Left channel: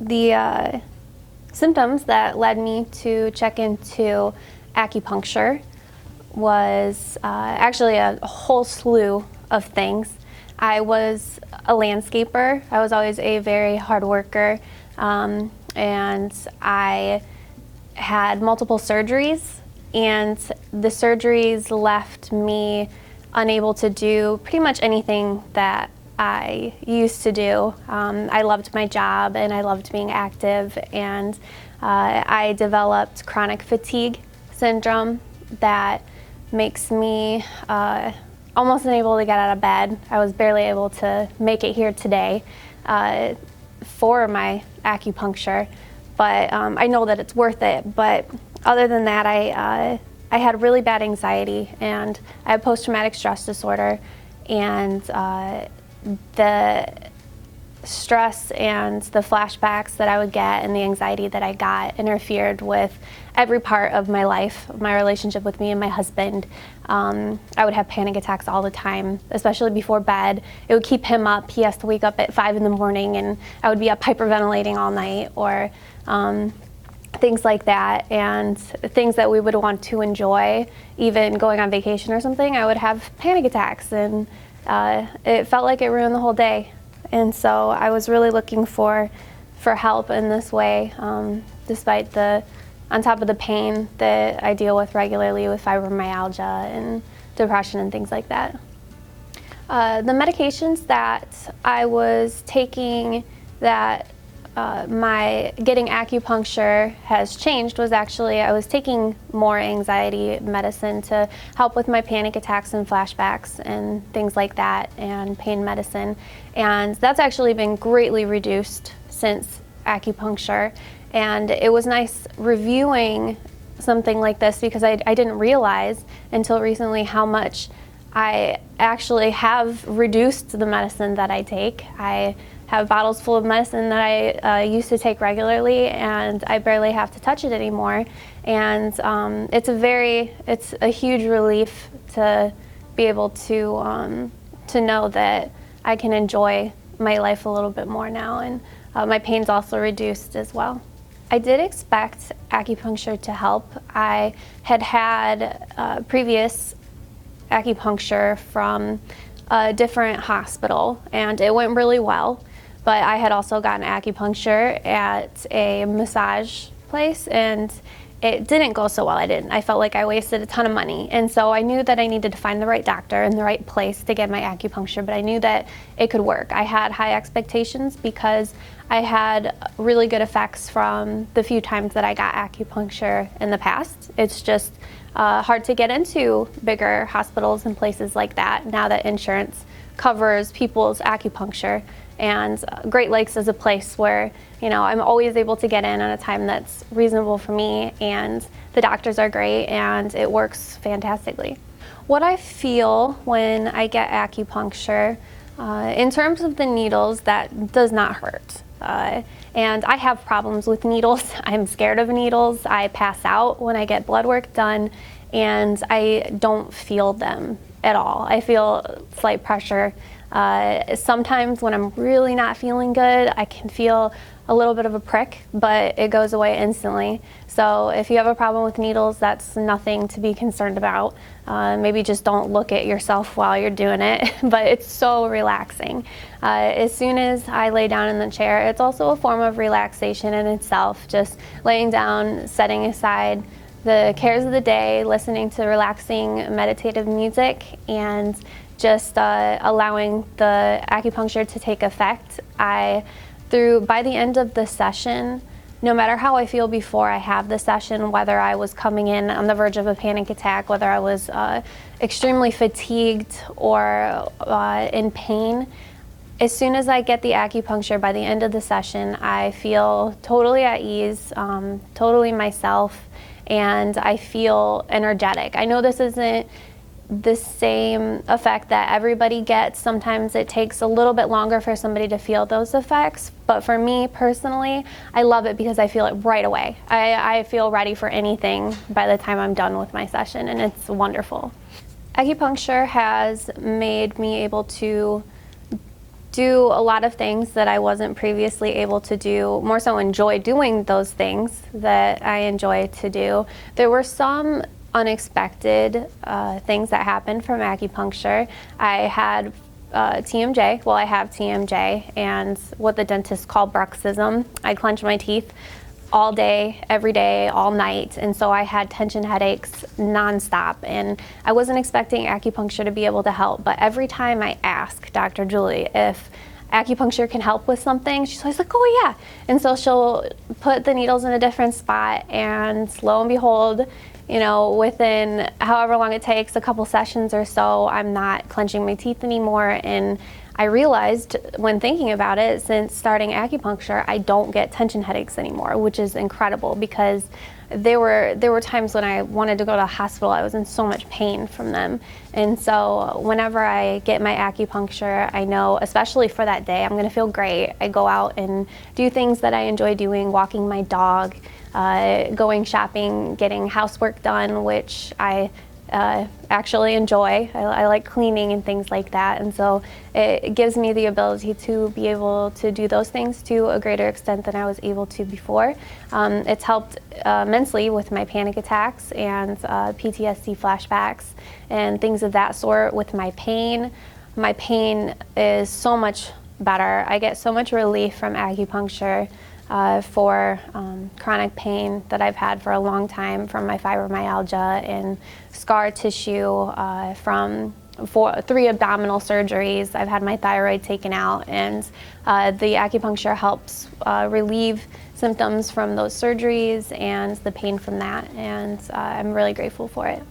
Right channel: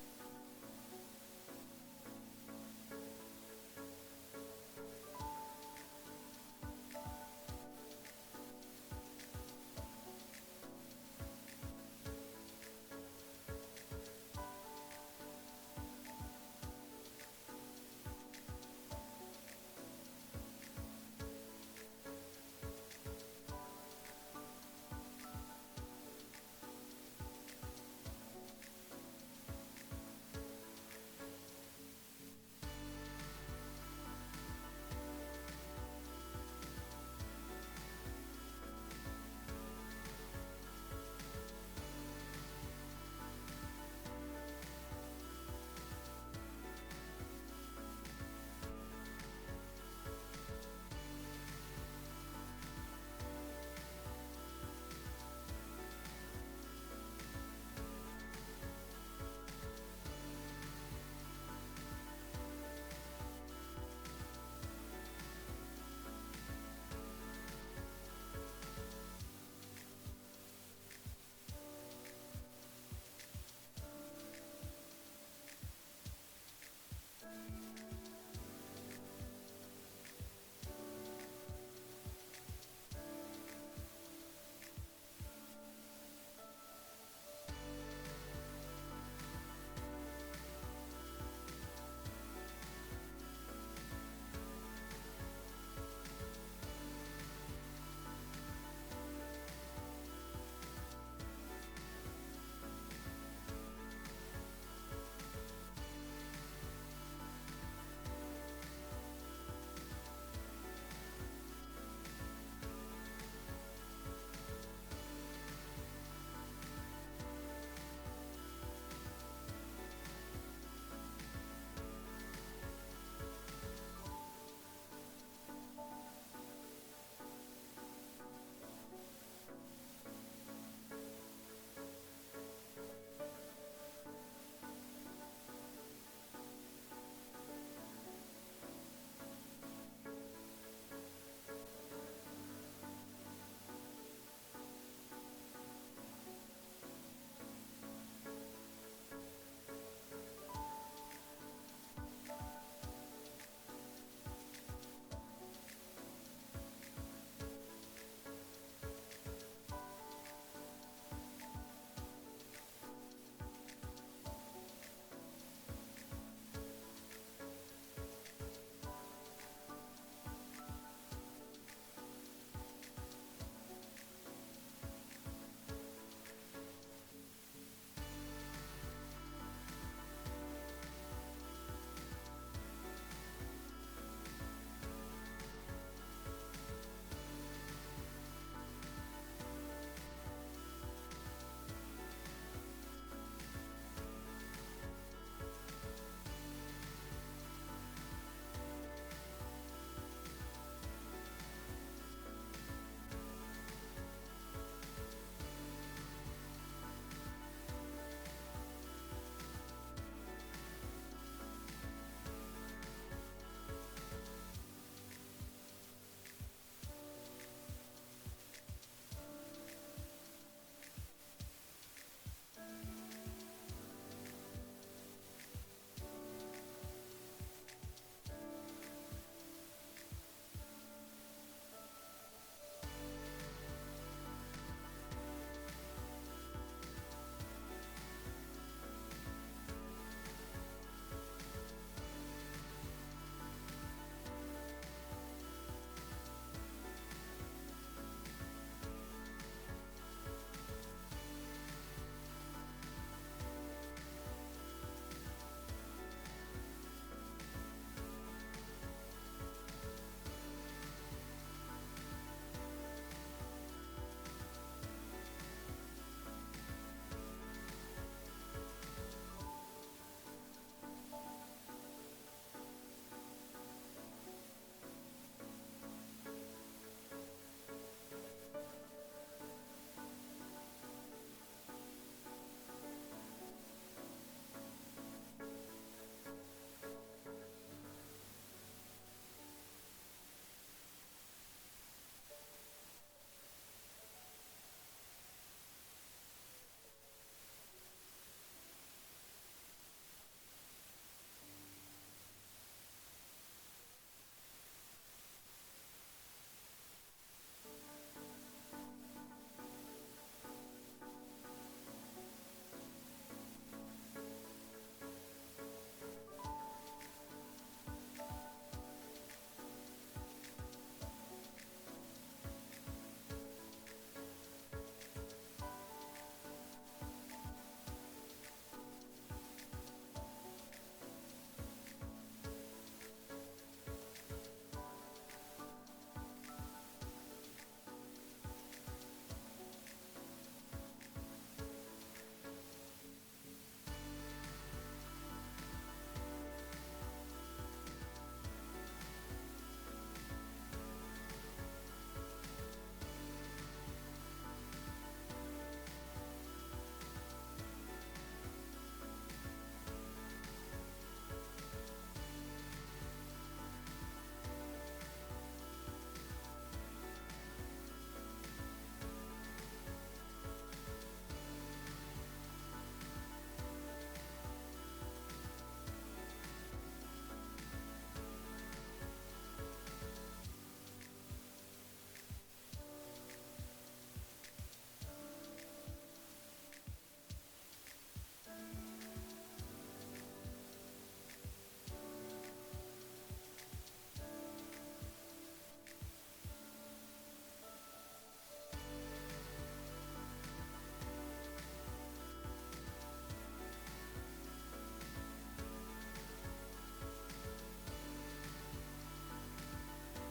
The symptoms that led me to check into acupuncture was actually a whole slew of things. I was a landscaper. I was always a very hard worker, and I had multiple surgeries, and the surgeries left me unable to do pretty much anything that I used to do. I loved my job and I loved being active, and I developed chronic fatigue syndrome that makes me almost unable to get out of bed. I was barely able to make it here today for my acupuncture, but I know that it's worth it. But other than that, I had really bad anxiety, and I had post-traumatic stress disorder, and the stress and the flashbacks that I would get and the anxiety that I got interfered with every part of my life, my relationship with me and my husband. I would have panic attacks all the time, especially before bed. It would keep him up. He has to wake up at 5 in the morning, and I would be up hyperventilating all night, or things like that, and things that we would want to enjoy, even going on vacation or something. I would have panic attacks, and it felt like it ruined the whole day. And so I was really looking for help in this way, despite on top of the pain that I deal with regularly with fibromyalgia and depression and things like that. The medications that I was taking that my getting acupuncture has changed was actually I was taking more anxiety medicine to help with my panic attacks and flashbacks and things like that, and pain medicine, and that's actually been greatly reduced since acupuncture. And it was nice reviewing something like this, because I didn't realize until recently how much I actually have reduced the medicine that I take. I have bottles full of medicine that I used to take regularly, and I barely have to touch it anymore. And it's a huge relief to be able to know that I can enjoy my life a little bit more now, and my pain's also reduced as well. I did expect acupuncture to help. I had previous acupuncture from a different hospital, and it went really well. But I had also gotten acupuncture at a massage place, and it didn't go so well. I felt like I wasted a ton of money. And so I knew that I needed to find the right doctor and the right place to get my acupuncture, but I knew that it could work. I had high expectations because I had really good effects from the few times that I got acupuncture in the past. It's just hard to get into bigger hospitals and places like that now that insurance covers people's acupuncture. And Great Lakes is a place where, I'm always able to get in at a time that's reasonable for me, and the doctors are great, and it works fantastically. What I feel when I get acupuncture, in terms of the needles, that does not hurt. And I have problems with needles. I'm scared of needles. I pass out when I get blood work done, and I don't feel them at all. I feel slight pressure. Sometimes when I'm really not feeling good, I can feel a little bit of a prick, but it goes away instantly. So if you have a problem with needles, that's nothing to be concerned about. Maybe just don't look at yourself while you're doing it, but it's so relaxing. As soon as I lay down in the chair, it's also a form of relaxation in itself, just laying down, setting aside the cares of the day, listening to relaxing meditative music, and just allowing the acupuncture to take effect. By the end of the session, no matter how I feel before I have the session, whether I was coming in on the verge of a panic attack, whether I was extremely fatigued or in pain, as soon as I get the acupuncture, by the end of the session, I feel totally at ease, totally myself, and I feel energetic. I know this isn't the same effect that everybody gets. Sometimes it takes a little bit longer for somebody to feel those effects, but for me personally, I love it because I feel it right away. I feel ready for anything by the time I'm done with my session, and it's wonderful. Acupuncture has made me able to do a lot of things that I wasn't previously able to do, more so enjoy doing those things that I enjoy to do. There were some unexpected things that happened from acupuncture. I had TMJ, well, I have TMJ, and what the dentists call bruxism. I clench my teeth all day, every day, all night, and so I had tension headaches nonstop, and I wasn't expecting acupuncture to be able to help, but every time I ask Dr. Julie if acupuncture can help with something, she's always like, oh yeah, and so she'll put the needles in a different spot, and lo and behold, you know, within however long it takes, a couple sessions or so, I'm not clenching my teeth anymore. And I realized when thinking about it, since starting acupuncture, I don't get tension headaches anymore, which is incredible, because there were times when I wanted to go to the hospital. I was in so much pain from them. And so whenever I get my acupuncture, I know, especially for that day, I'm gonna feel great. I go out and do things that I enjoy doing, walking my dog, going shopping, getting housework done, which I actually enjoy. I like cleaning and things like that, and so it gives me the ability to be able to do those things to a greater extent than I was able to before. It's helped immensely with my panic attacks and PTSD flashbacks and things of that sort. With my pain is so much better. I get so much relief from acupuncture for chronic pain that I've had for a long time from my fibromyalgia and scar tissue from 3 abdominal surgeries. I've had my thyroid taken out, and the acupuncture helps relieve symptoms from those surgeries and the pain from that, and I'm really grateful for it.